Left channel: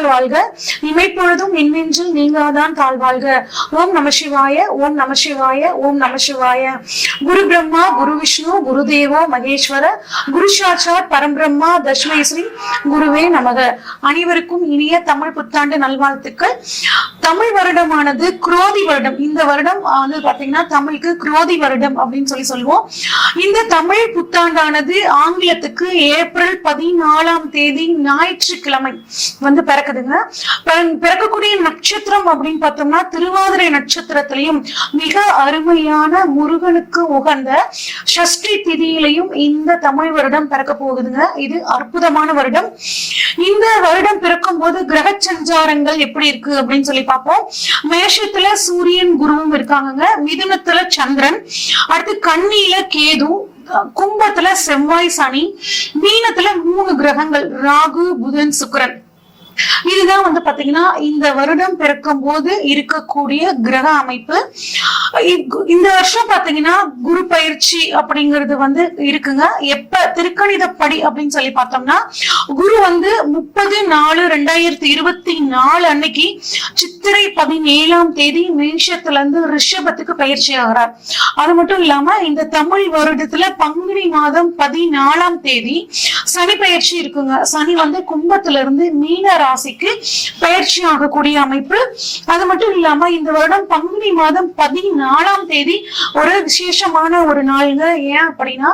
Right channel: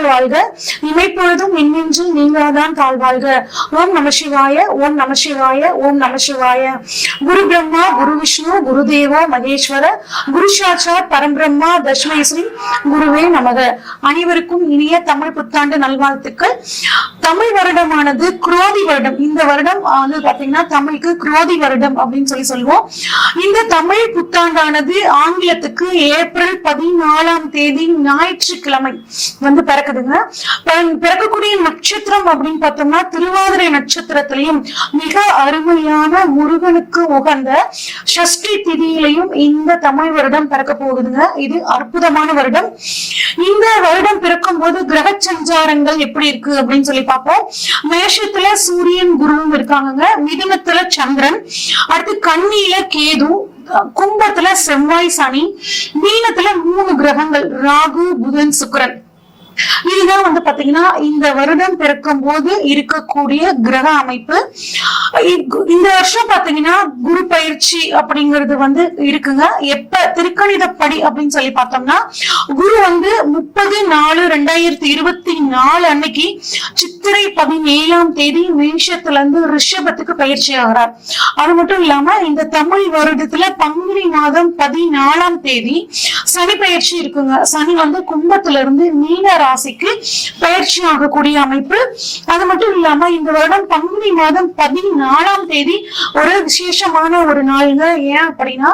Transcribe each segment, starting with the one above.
நல்லால் வாழ்க, இமைப்பொழுதும் என்னென்றும் நீங்காதான் தாழ்வாழ்க. ஓம் நம சிவாய, ஓம் நம சிவாய, ஓம் நம சிவாய. குரு பிரம்மா, குரு விஷ்ணு, குரு தேவோ மகேஸ்வர, குரு சாட்சாத் பரம்பிரம்மா தஸ்மை ஸ்ரீ குருவே நமக. அனைவருக்கும் இனிய தமிழ் புத்தாண்டு நல்வாழ்த்துக்கள். தமிழ் வருடமானது குரோதி வருடம். இந்த வருடம் பாத்தீங்கன்னா தமிழுக்கு குரோதி வருடம் அப்படின்னு சொல்லுவோம். இந்த தமிழ் புத்தாண்டானது ஆங்கிலத்துக்கு ஏப்ரல் 14 ஞாயிற்றுக்கிழமை பிறக்குதுங்க. பிறக்கக்கூடிய நட்சத்திரம் அப்படின்னு பார்த்தோம்னா திருவாதிரை நட்சத்திரத்திலையும் மிக அருமையான முருகனுக்கு உகந்த சஷ்டி திதியிலையும் இந்த தமிழ் வருடம் பிறக்க போகுதுங்க. இது அற்புதமான வருடம். இந்த வருடம் பிறக்கும் போது கிரக சஞ்சாரங்கள் எப்படி இருக்கு அப்படின்னு சொல்லி பார்ப்போம். மேஷத்துல சூரியன் குருவும் இருக்காங்க, மிதுனத்துல சந்திரன், அடுத்து கன்னியில கேது, கும்பத்துல செவ்வாய் சனி, மீனத்துல 3 கிரகங்கள் ராகு புதன் சுக்கிரன். இதுதான் பாத்தீங்கன்னா இந்த வருடம் பிறக்கும் போது இருக்கக்கூடிய கிரக அமைப்பு. இந்த வருஷம் பாத்தீங்கன்னா குரு பயிற்சி அப்படிங்கிறது இருக்குங்க. எப்ப திருக்கணிதப்படி அப்படின்னு சொல்லி பார்த்தோம்னா குரு 30/4/2024 அன்னைக்கு சித்திரை 17 மேஷத்துல இருந்து ரிஷபத்துக்கு பயிற்சி ஆகிறார். அது மட்டும் இல்லாம இந்த தமிழ் வருடத்துல பங்குனி மாதம் 14 சனி பயிற்சி இருக்குங்க. சனி கும்பத்துல இருந்து மீன ராசிக்கு பயிற்சி ஆகக்கூடிய அமைப்பு. அது மட்டும் இல்லாம இந்த வருடம் பங்குனி மாதம் 14 ஒரு விசேஷமான ஒரு நாள்ங்க. ஏன் அப்படின்னா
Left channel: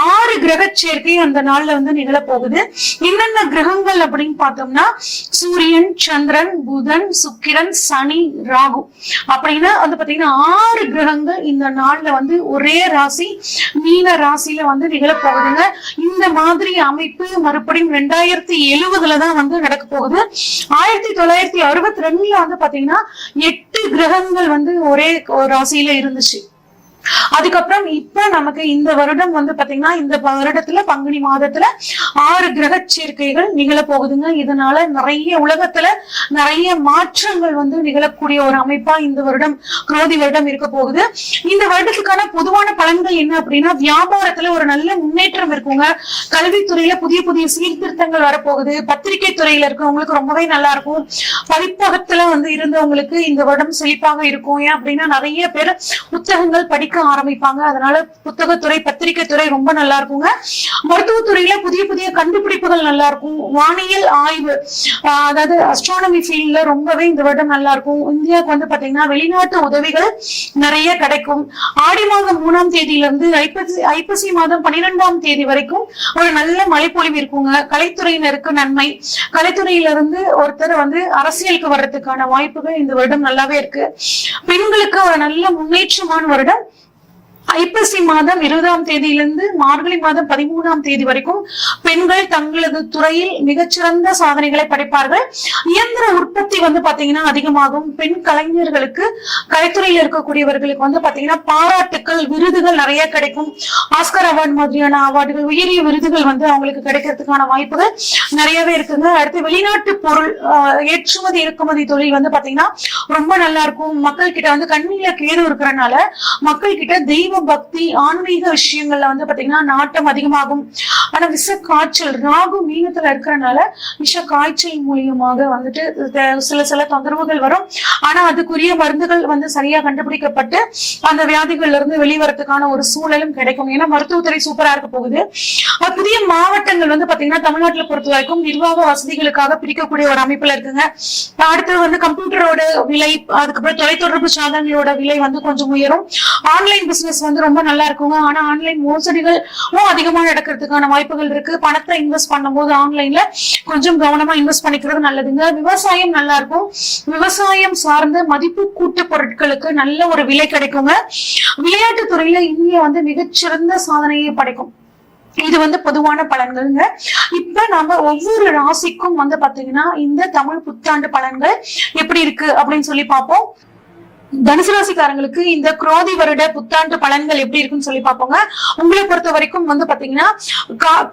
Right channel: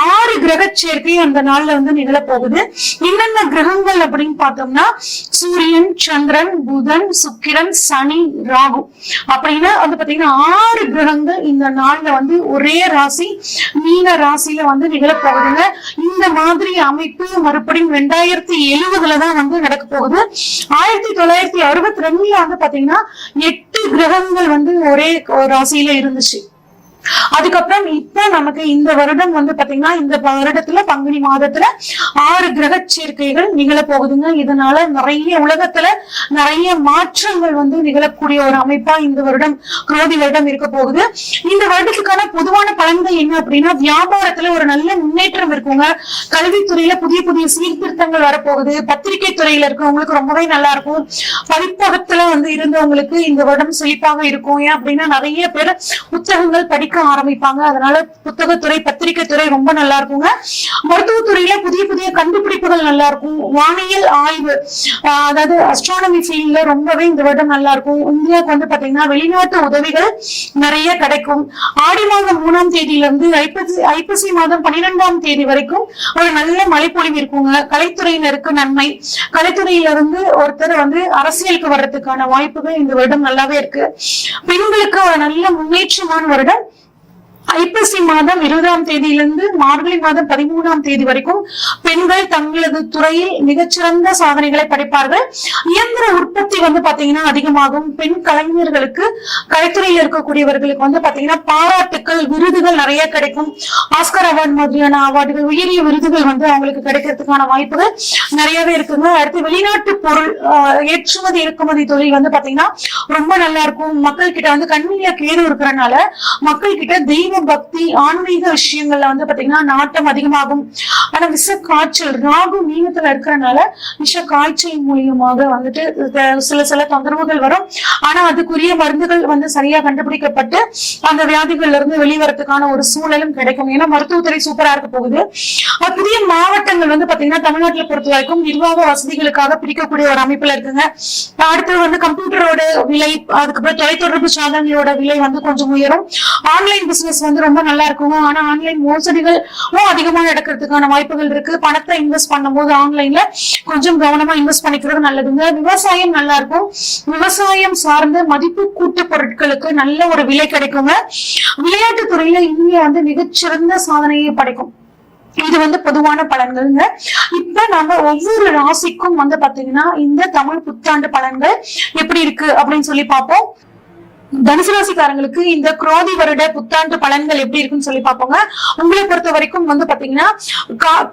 6 கிரக சேர்க்கை அந்த நாள்ல நிகழ போகுது. என்னென்ன கிரகங்கள் அப்படின்னு பார்த்தோம்னா சூரியன், சந்திரன், புதன், சுக்கிரன், சனி, ராகு அப்படின்னா பாத்தீங்கன்னா 6 கிரகங்கள் இந்த நாள்ல ஒரே ராசி மீன ராசியில நிகழ போகுதுங்க. இந்த மாதிரி அமைப்பு மறுபடியும் 2070 தான் நடக்க போகுது. 1962 பாத்தீங்கன்னா 8 கிரகங்கள் ஒரே ராசியில இருந்துச்சு. அதுக்கப்புறம் இப்ப நமக்கு இந்த வருடம் பாத்தீங்கன்னா இந்த வருடத்துல பங்குனி மாதத்துல 6 கிரக சேர்க்கைகள் நிகழ போகுதுங்க. இதனால நிறைய உலகத்துல நிறைய மாற்றங்கள் நிகழக்கூடிய ஒரு அமைப்பா இந்த வருடம் குரோதி வருடம் இருக்க போகுது. இந்த வருடத்துக்கான பொதுவான பலன்கள் என்ன அப்படின்னா வியாபாரத்துல ஒரு நல்ல முன்னேற்றம் இருக்குங்க. கல்வித்துறையில புதிய புதிய சீர்திருத்தங்கள் வரப்போகுது. பத்திரிகை துறையில இருக்கவங்களுக்கு ரொம்பவே நல்லா இருக்கும். பதிப்பகத்துல இருந்தவங்களுக்கு இந்த வருடம் செழிப்பாக இருக்கும். ஏன் அப்படின்னா நிறைய பேர் புத்தகங்கள் படிக்க ஆரம்பிப்பாங்க. அதனால புத்தகத்துறை பத்திரிகை துறை ரொம்ப நல்லா இருக்குங்க. மருத்துவத்துறையில புதிய புதிய கண்டுபிடிப்புகள் நல்லா இருக்கும். வானியல் ஆய்வு அதாவது அஸ்ட்ரானமி ஃபீல்ட்ல ரொம்பவே இந்த வருடம் நல்லா இருக்கும். இந்தியாவுக்கு பாத்தீங்கன்னா வெளிநாட்டு உதவிகள் நிறைய கிடைக்கும். ஆடி மாதம் 3ஆம் தேதியிலிருந்து ஐப்பசி மாதம் 12ஆம் தேதி வரைக்கும் ஒரு நல்ல மழைப்பொழிவு இருக்குங்க. கலைத்துறையினருக்கு நன்மை. கலைத்துறையிலிருந்து ஒருத்தர் அரசியலுக்கு வர்றதுக்கான வாய்ப்புகள் இந்த வருடம் நல்லாவே இருக்கு. பெண்களுக்கு ஒரு நல்ல முன்னேற்றமான வருடம். ஐப்பசி மாதம் 20ஆம் தேதியிலிருந்து மார்கழி மாதம் 13ஆம் தேதி வரைக்கும் பெண்கள் தங்களது துறையில் மிகச்சிறந்த சாதனைகளை படைப்பார்கள். இயந்திர உற்பத்தி பாத்தீங்கன்னா அதிகமாகும். பெண் கலைஞர்களுக்கு கலைத்துறையில் இருக்கக்கூடியவர்களுக்கு பாத்தீங்கன்னா பாராட்டுக்கள், விருதுகள் நிறைய கிடைக்கும். ஆஸ்கர் அவார்டு மாதிரியான அவார்டுகள், உயரிய விருதுகள் அவங்களுக்கு கிடைக்கிறதுக்கான வாய்ப்புகள் நிறையவே இருக்குங்க. அடுத்து வெளிநாட்டு பொருள் ஏற்றுமதி இறக்குமதி தொழில் பாத்தீங்கன்னா ரொம்ப நல்லா இருக்கும். மக்கள் கிட்ட கண்ணில கேடு இருக்கிறதுனால மக்கள் கிட்ட தெய்வ பக்தி ஆன்மீக விஷயங்கள்ல பாத்தீங்கன்னா நாட்டம் அதிகமாகும். ஆனா விஷ காய்ச்சல் ராகு மீனத்துல இருக்கிறதுனால விஷ காய்ச்சல் மூலியமாக சில தொந்தரவுகள் வரும். ஆனா அதுக்குரிய மருந்துகள் சரியா கண்டுபிடிக்கப்பட்டு அந்த வியாதிகள்ல இருந்து வெளிவரத்துக்கான ஒரு சூழலும் கிடைக்கும். ஏன்னா மருத்துவத்துறை சூப்பரா இருக்க போகுது. புதிய மாவட்டங்கள் பாத்தீங்கன்னா தமிழ்நாட்டுல பொறுத்த வரைக்கும் நிர்வாக வசதிகளுக்காக பிரிக்கக்கூடிய ஒரு அமைப்புல இருக்குங்க. அடுத்து கம்ப்யூட்டரோட விலை, அதுக்கப்புறம் தொலைத்தொடர்பு சாதனங்களோட விலை கொஞ்சம் உயரும். ஆன்லைன் பிசினஸ் ரொம்ப நல்லா இருக்குங்க. ஆனா ஆன்லைன் மோசடிகளும் அதிகமா நடக்கிறதுக்கான வாய்ப்புகள் இருக்கு. பணத்தை இன்வெஸ்ட் பண்ணும் போது ஆன்லைன்ல கொஞ்சம் கவனமா இன்வெஸ்ட் பண்ணிக்கிறது நல்லதுங்க. விவசாயம் நல்லா இருக்கும். விவசாயம் சார்ந்த மதிப்பு கூட்டு பொருட்களுக்கு நல்ல ஒரு விலை கிடைக்குங்க. விளையாட்டு துறையில இந்தியா மிகச்சிறந்த சாதனையை படைக்கும். இது பொதுவான பலன்கள்ங்க. இப்ப நம்ம ஒவ்வொரு ராசிக்கும் பாத்தீங்கன்னா இந்த தமிழ் புத்தாண்டு பலன்கள் எப்படி இருக்கு அப்படின்னு சொல்லி பார்ப்போம். தனுசு ராசிக்காரங்களுக்கு இந்த குரோதி வருட புத்தாண்டு பலன்கள் எப்படி இருக்குன்னு சொல்லி பார்ப்போங்க. உங்களை பொறுத்த வரைக்கும் வந்து பாத்தீங்கன்னா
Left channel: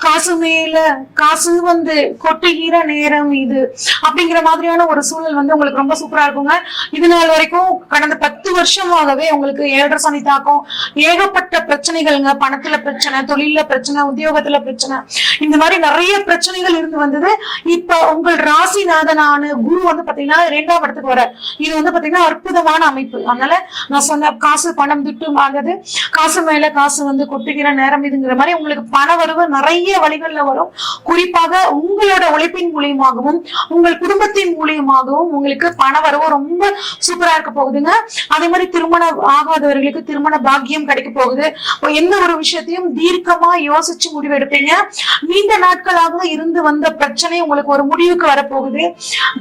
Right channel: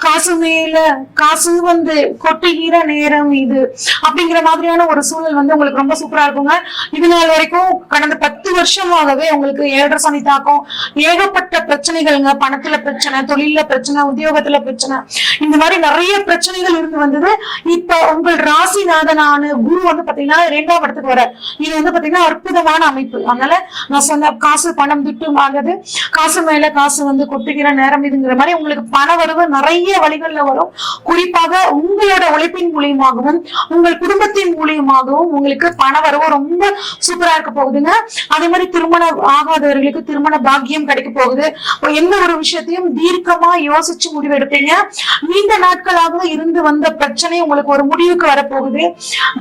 காசு மேல காசு வந்து கொட்டுகிற நேரம் இது அப்படிங்கிற மாதிரியான ஒரு சூழல் வந்து உங்களுக்கு ரொம்ப சூப்பரா இருக்குங்க. இது நாள் வரைக்கும் கடந்த 10 வருஷமாகவே உங்களுக்கு 7.5 சனி தாக்கம், ஏகப்பட்ட பிரச்சனைகள்ங்க. பணத்துல பிரச்சனை, தொழில பிரச்சனை, உத்தியோகத்துல பிரச்சனை, இந்த மாதிரி நிறைய பிரச்சனைகள் இருந்து வந்தது. இப்போ உங்கள் ராசிநாதனான குரு வந்து பாத்தீங்கன்னா 2ஆம் இடத்துக்கு வர, இது வந்து பாத்தீங்கன்னா அற்புதமான அமைப்பு. அதனால நான் சொன்ன காசு பணம் துட்டு வாங்குது, காசு மேல காசு வந்து கொட்டுகிற நேரம் இதுங்கிற மாதிரி உங்களுக்கு பண வரவு நிறைய வழிகள்ல வரும். குறிப்பாக உங்களோட உழைப்பின் மூலியமாகவும் உங்கள் குடும்பத்தின் மூலியமாகவும் உங்களுக்கு பண வரவு ரொம்ப சூப்பரா இருக்க போகுதுங்க. அதே மாதிரி திருமணம் ஆகாதவர்களுக்கு திருமண பாக்கியம் கிடைக்க போகுது. எந்த ஒரு விஷயத்தையும் தீர்க்கமா யோசிச்சு முடிவெடுப்பீங்க. நீண்ட நாட்களாக இருந்து வந்த பிரச்சனை உங்களுக்கு ஒரு முடிவுக்கு வரப்போகுது.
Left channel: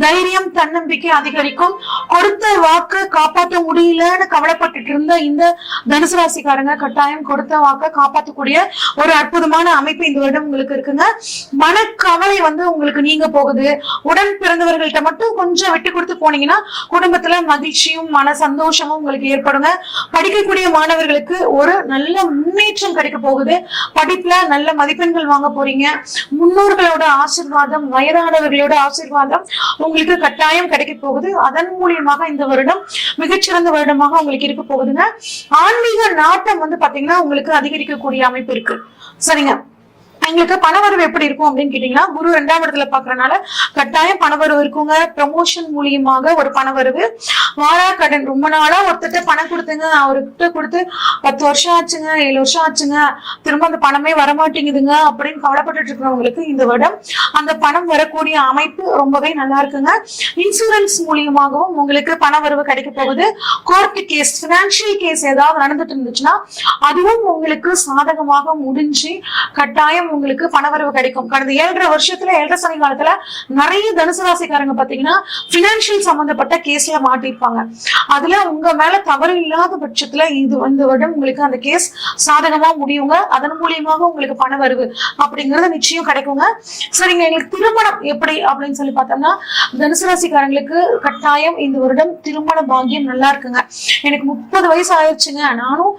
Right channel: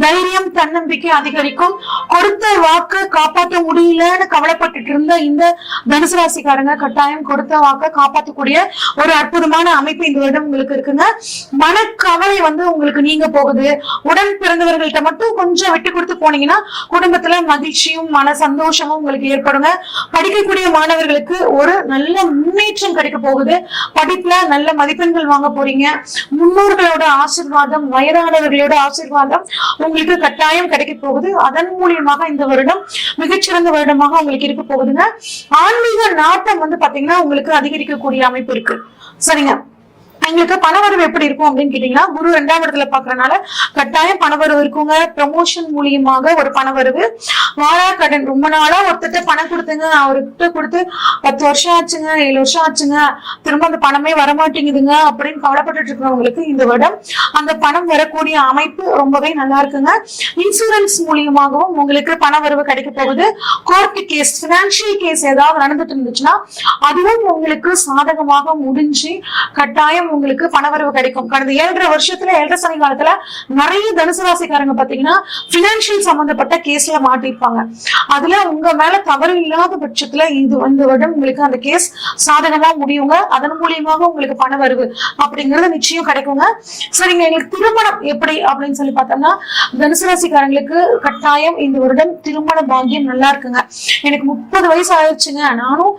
தைரியம், தன்னம்பிக்கை அதிகரிக்கும். கொடுத்த வாக்கு காப்பாற்ற முடியலன்னு கவலைப்பட்டு இருந்த இந்த தனுசு ராசிக்காரங்க கட்டாயம் கொடுத்த வாக்க காப்பாற்றக்கூடிய ஒரு அற்புதமான அமைப்பு இந்த வருடம் உங்களுக்கு இருக்குங்க. மனக்கவலை வந்து உங்களுக்கு நீங்க போகுது. உடன் பிறந்தவர்கள்ட்ட மட்டும் கொஞ்சம் விட்டு கொடுத்து போனீங்கன்னா குடும்பத்துல மகிழ்ச்சியும் மன சந்தோஷமும் உங்களுக்கு ஏற்படுங்க. படிக்கக்கூடிய மாணவர்களுக்கு ஒரு நல்ல முன்னேற்றம் கிடைக்க போகுது. படிப்புல நல்ல மதிப்பெண்கள் வாங்க போறீங்க. முன்னோர்களோட ஆசீர்வாதம், வயதானவர்களோட ஆசீர்வாதம் உங்களுக்கு கட்டாயம் கிடைக்க போகுது. அதன் மூலியமாக இந்த வருடம் மிகச்சிறந்த வருடமாக உங்களுக்கு இருக்க போகுதுங்க. ஆன்மீக நாட்டம் வந்து பாத்தீங்கன்னா உங்களுக்கு அதிகரிக்கக்கூடிய அமைப்பு இருக்கு. சரிங்க, உங்களுக்கு பணவரவு எப்படி இருக்கும் அப்படின்னு கேட்டீங்கன்னா, குரு 2ஆம் இடத்துல பாக்குறதுனால கட்டாயம் பணவரவு இருக்குங்க. ப்ரமோஷன் மூலியமாக ஒரு பணவரவு. கடன் ரொம்ப நாளா ஒருத்திட்ட பணம் கொடுத்துங்க, அவர்கிட்ட கொடுத்து 10 வருஷம் ஆச்சுங்க, 7 வருஷம் ஆச்சுங்க, திரும்ப அந்த பணமே வரமாட்டேங்குதுங்க அப்படின்னு கவலைப்பட்டு இருக்கிறவங்களுக்கு இந்த வருடம் அந்த பணம் வரக்கூடிய அமைப்பு ரொம்பவே நல்லா இருக்குங்க. இன்சூரன்ஸ் மூலியமாகவும் உங்களுக்கு பணவரவு கிடைக்க போகுது. கோர்ட் கேஸ், பினான்சியல் கேஸ் ஏதாவது நடந்துட்டு இருந்துச்சுன்னா அதுவும் உங்களுக்கு சாதகமாக முடிஞ்சு கட்டாயம் உங்களுக்கு பணவரவு கிடைக்கும். கடந்த 7.5 வருஷத்துல 7.5 சனி காலத்துல நிறைய தனுசு ராசிக்காரங்க பாத்தீங்கன்னா பினான்சியல் சம்பந்தப்பட்ட கேஸ்ல மாட்டிருப்பாங்க. அதுல உங்க மேல தவறு இல்லாத பட்சத்துல இந்த வருடம் உங்களுக்கு அந்த கேஸ் சாதகமா முடியுங்க. அதன் மூலியமாக உங்களுக்கு பணவரவு அப்படிங்கறது நிச்சயம் கிடைக்குங்க. சரிங்க, எனக்கு திருமணம் எப்படி அப்படின்னு சொல்லி பார்த்தோம்னா, தனுசு ராசிக்காரங்களுக்கு கட்டாயம் இந்த வருடம் திருமண பாக்கியம் நல்லா இருக்குங்க. எனக்கு 30 வயசு ஆயிடுச்சுங்க, நானும்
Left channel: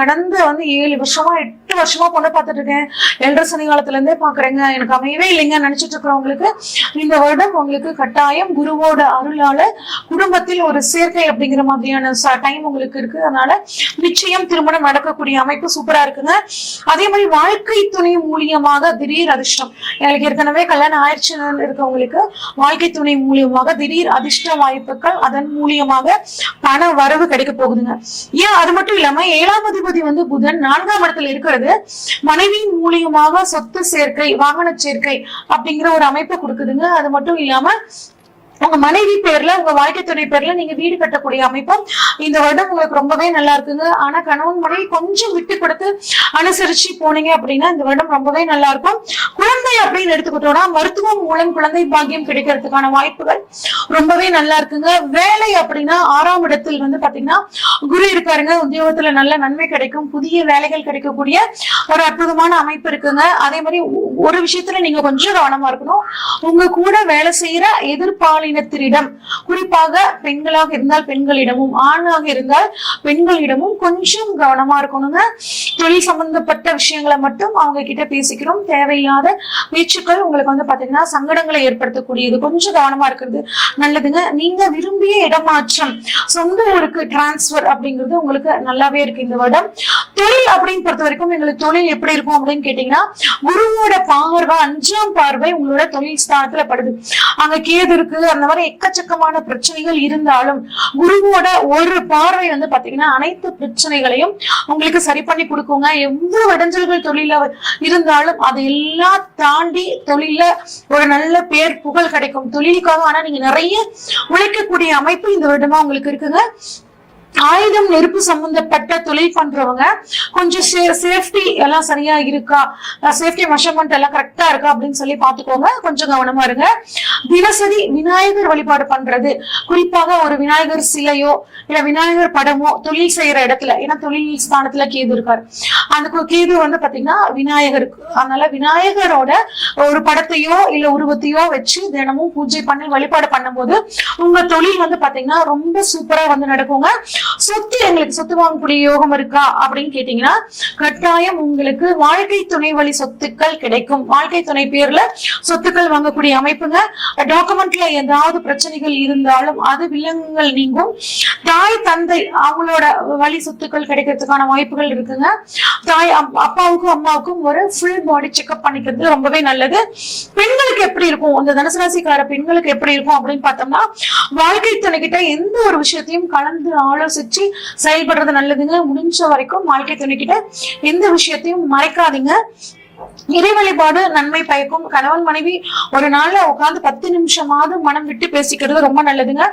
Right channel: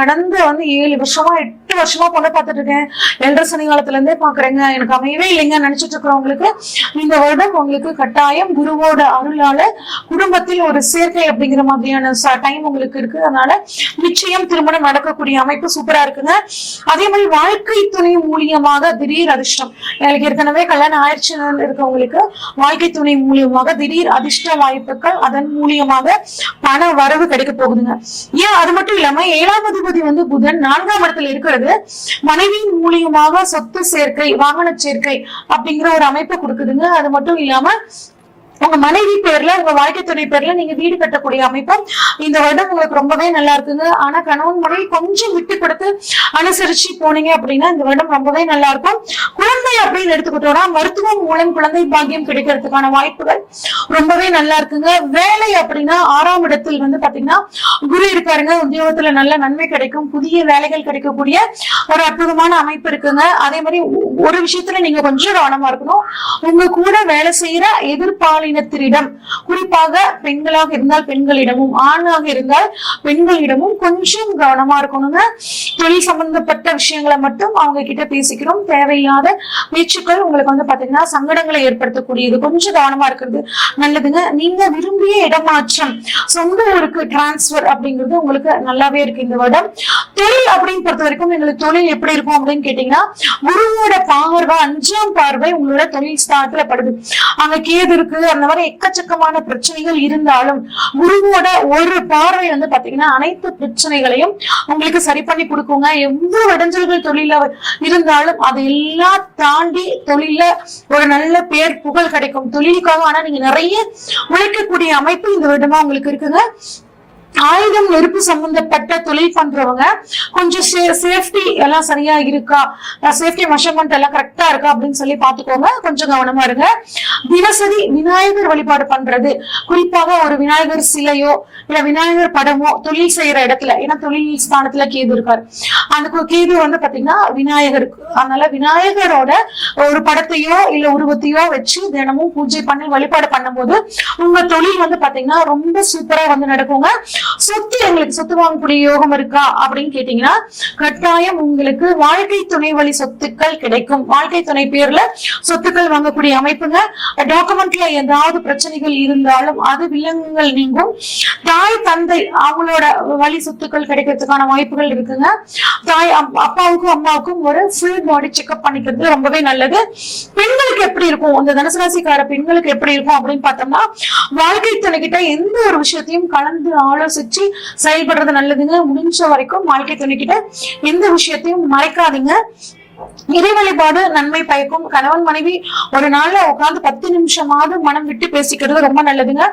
கடந்த 7 வருஷமா 8 வருஷமா பொண்ணு பார்த்துட்டு இருக்கேன், 7.5 சனி காலத்துல இருந்தே பாக்குறேங்க, எனக்கு அமையவே இல்லைங்க நினைச்சிட்டு இருக்கிறவங்களுக்கு இந்த வருடம் உங்களுக்கு கட்டாயம் குருவோட அருளால குடும்பத்தில் ஒரு சேர்க்கை அப்படிங்கிற மாதிரியான டைம் உங்களுக்கு இருக்கு. அதனால நிச்சயம் திருமணம் நடக்கக்கூடிய அமைப்பு சூப்பரா இருக்குங்க. அதே மாதிரி வாழ்க்கை துணை மூலியமாக திடீர் அதிர்ஷ்டம், எங்களுக்கு ஏற்கனவே கல்யாணம் ஆயிடுச்சு இருக்கவங்களுக்கு வாழ்க்கை துணை மூலியமாக திடீர் அதிர்ஷ்ட வாய்ப்புகள், அதன் மூலியமாக பண வரவு கிடைக்க போகுதுங்க. ஏன் அது மட்டும் இல்லாம 7ஆம் அதிபதி வந்து புதன் 4ஆம் இடத்துல இருக்கிறது மனைவியின் மூலியமாக சொத்து சேர்க்கை, வாகன சேர்க்கை அப்படிங்கிற ஒரு அமைப்பு கொடுக்குதுங்க. அது மட்டும் இல்லாம உங்க மனைவி பேர்ல, உங்க வாழ்க்கை துணை பேர்ல நீங்க வீடு கட்டக்கூடிய அமைப்பு இந்த வருடம் உங்களுக்கு ரொம்பவே நல்லா இருக்குங்க. ஆனா கணவன் மனைவி கொஞ்சம் விட்டு கொடுத்து அனுசரிச்சு போனீங்க அப்படின்னா இந்த வருடம் ரொம்பவே நல்லா இருக்கும். குழந்தை அப்படின்னு எடுத்துக்கிட்டோம்னா மருத்துவம் மூலம் குழந்தை பாக்கியம் கிடைக்கிறதுக்கான வாய்ப்புகள் ரொம்பவே நல்லா இருக்குங்க. வேலை அப்படின்னா 6ஆம் இடத்தில் வந்து பாத்தீங்கன்னா குரு இருக்காருங்க. உத்தியோகத்துல நல்ல நன்மை கிடைக்கும், புதிய வேலைகள் கிடைக்கக்கூடிய ஒரு அற்புதமான அமைப்பு இருக்குங்க. அதே மாதிரி ஒரு விஷயத்துல நீங்க கொஞ்சம் கவனமா இருக்கணும். உங்க கூட வேலை செய்யற எதிர்பாலினத்திடம், குறிப்பாக பெண்களாக இருந்தால் பெண்களிடமும், ஆணாக இருந்தால் பெண்களிடமும் கொஞ்சம் கவனமா இருக்கணுங்க. தொழில் சம்பந்தப்பட்ட விஷயங்களை மட்டும் அவங்க கிட்ட பேசிக்கிறோம். தேவையில்லாத பேச்சுக்கள் உங்களுக்கு வந்து பாத்தீங்கன்னா சங்கடங்களை ஏற்படுத்தக்கூடியது, கொஞ்சம் கவனமா இருக்கிறது நல்லதுங்க. நீங்க விரும்பிய இடமாற்றம், சொந்த ஊருக்கு டிரான்ஸ்பர் அப்படிங்கிறது உங்களுக்கு நல்லாவே இருக்கு இந்த வருடம். தொழில் அப்படின்னு பொறுத்த வரைக்கும் எங்களுக்கு தொழில் எப்படி இருக்கும் அப்படின்னு கேட்டீங்கன்னா, குருவோட பார்வை 5ஆம் பார்வை உங்களோட தொழில் ஸ்தானத்துல படுது. அங்க கேது இருக்கு. அந்த மாதிரி எக்கச்சக்கமான பிரச்சனைகள் இருந்தாலும் குருவோட ஒரு பார்வை வந்து பாத்தீங்கன்னா அனைத்து பிரச்சனைகளையும் உங்களுக்கு சரி பண்ணி கொடுக்குங்க. எவ்வளவு இடைஞ்சல்கள் தொழில இருந்தாலும் அதையெல்லாம் தாண்டி தொழில ஒரு நல்ல பேர் புகழ் கிடைக்கும் தொழிலுக்காக. ஆனா நீங்க நிறைய உழைக்கக்கூடிய அமைப்பு இந்த வருடமா உங்களுக்கு இருக்குங்க. ஆயுதம், நெருப்பு சம்பந்தப்பட்ட தொழில் பண்றவங்க கொஞ்சம் சேஃப்டி எல்லாம் சரியா இருக்கா, சேஃப்டி மெஷர்மெண்ட் எல்லாம் கரெக்டா இருக்கா அப்படின்னு சொல்லி பாத்துக்கோங்க. கொஞ்சம் கவனமா இருங்க. தினசரி விநாயகர் வழிபாடு பண்றது, குறிப்பாக ஒரு விநாயகர் சிலையோ இல்ல விநாயகர் படமோ தொழில் செய்யற இடத்துல, ஏன்னா தொழில் ஸ்தானத்துல கேது இருக்காரு, அந்த கேது வந்து பாத்தீங்கன்னா விநாயகருக்கு, அதனால விநாயகரோட ஒரு படத்தையோ இல்ல உருவத்தையோ வச்சு தினமும் பூஜை பண்ணி வழிபாடு பண்ணும் போது உங்க தொழில் வந்து பாத்தீங்கன்னா ரொம்ப சூப்பரா வந்து நடக்குங்க. சொத்து, உங்களுக்கு சொத்து வாங்கக்கூடிய யோகம் இருக்கா அப்படின்னு கேட்டீங்கன்னா கட்டாயம் உங்களுக்கு வாழ்க்கை துணை வழி சொத்துக்கள் கிடைக்கும். வாழ்க்கை துணை பேர்ல சொத்துக்கள் வாங்கக்கூடிய அமைப்புங்க. டாக்குமெண்ட்ல ஏதாவது பிரச்சனைகள் இருந்தாலும் அது விலங்குகள் நீங்கும். தாய் தந்தை அவங்களோட வழி சொத்துக்கள் கிடைக்கிறதுக்கான வாய்ப்புகள் இருக்குங்க. தாய் அப்பாவுக்கும் அம்மாவுக்கும் ஒரு ஃபுல் பாடி செக்அப் பண்ணிக்கிறது ரொம்பவே நல்லது. பெண்களுக்கு எப்படி இருக்கும், அந்த தனுசு ராசிக்கார பெண்களுக்கு எப்படி இருக்கும் அப்படின்னு பார்த்தோம்னா வாழ்க்கை துணைக்கிட்ட எந்த ஒரு விஷயத்தையும் கலந்து ஆலோசிச்சு செயல்படுறது நல்லதுங்க. முடிஞ்ச வரைக்கும் வாழ்க்கை துணைக்கிட்ட எந்த விஷயத்தையும் மறைக்காதுங்க. இறை வழிபாடு நன்மை பயக்கும். கணவன் மனைவி ஒரு நாள்ல உட்கார்ந்து 10 நிமிஷமாவது மனம் விட்டு பேசிக்கிறது ரொம்ப நல்லதுங்க.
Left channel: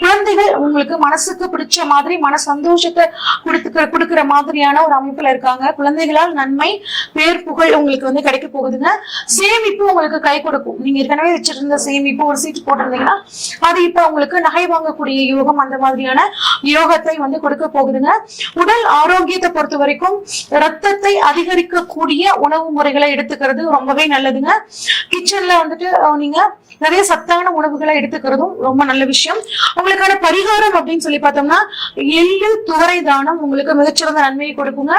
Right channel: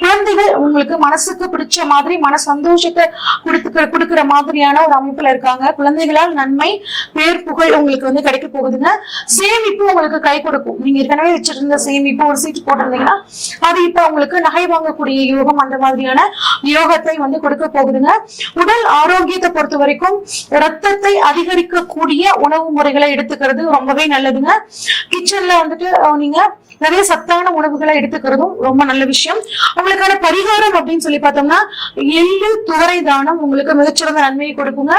குழந்தைகள் உங்களுக்கு மனசுக்கு பிடிச்ச மாதிரி மன சந்தோஷத்தை கொடுக்கிற மாதிரியான ஒரு அமைப்புல இருக்காங்க. குழந்தைகளால் நன்மை பேர் புகழ் உங்களுக்கு வந்து கிடைக்க போகுதுங்க. சேமிப்பு உங்களுக்கு கை கொடுக்கும். நீங்க ஏற்கனவே வச்சிருந்த சேமிப்பு ஒரு சீட் போட்டிருந்தீங்கன்னா அது இப்ப உங்களுக்கு நகை வாங்கக்கூடிய யோகம், அந்த மாதிரியான யோகத்தை வந்து கொடுக்க போகுதுங்க. உடல் ஆரோக்கியத்தை பொறுத்த வரைக்கும் ரத்தத்தை அதிகரிக்கக்கூடிய உணவு முறைகளை எடுத்துக்கிறது ரொம்பவே நல்லதுங்க. கிச்சன்ல வந்துட்டு நீங்க நிறைய சத்தான உணவுகளை எடுத்துக்கிறதும் ரொம்ப நல்ல விஷயம். உங்களுக்கான பரிகாரம் அப்படின்னு சொல்லி பார்த்தோம்னா எள்ளு துவரை தானம் உங்களுக்கு மிகச்சிறந்த நன்மையை கொடுக்குங்க.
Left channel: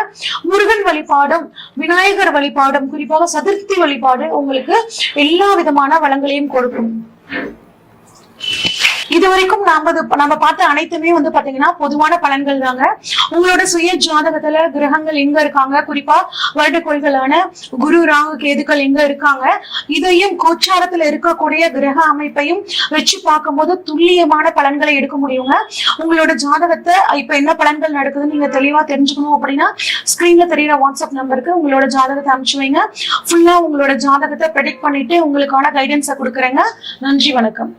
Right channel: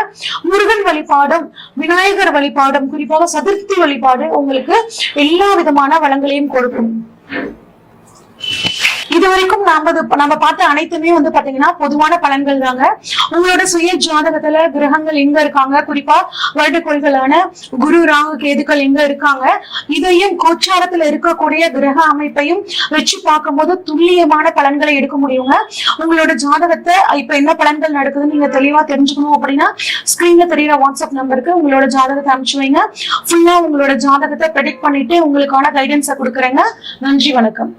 முருகன் வழிபாடும் விநாயகர் வழிபாடும் குறிப்பாக சதுர்த்தி வழிபாடு உங்களுக்கு எல்லா விதமான வளங்களையும் கொடுக்கும். இதுவரைக்கும் நம்ம பார்த்த அனைத்துமே வந்து பாத்தீங்கன்னா பொதுவான பலன்கள் தாங்க. உங்களோட சுய ஜாதகத்துல கிரகங்கள் எங்க இருக்காங்க, குறிப்பா வருடக்கோள்களான குரு ராகு கேதுக்கள் எங்க இருக்காங்க, இதையும் கோச்சாரத்துல இருக்கக்கூடிய கிரக அமைப்பையும் வச்சு பார்க்கும் போது துல்லியமான பலன்களை எடுக்க முடியுங்க. உங்களோட ஜாதகத்தை இப்ப என்ன பலன்கள் நடக்குதுன்னு நீங்க தெளிவா தெரிஞ்சுக்கணும் அப்படின்னா ஸ்கிரீன்ல தெரியற வாட்ஸ்அப் நம்பருக்கு உங்களோட ஜாதகத்தை அனுப்பிச்சு வைங்க. ஃபுல்லா உங்களோட ஜாதகத்தை ப்ரெடிக்ட் பண்ணிட்டு உங்களுக்கான கைடன்ஸை கொடுக்குறேங்க. நன்றி, வணக்கம்.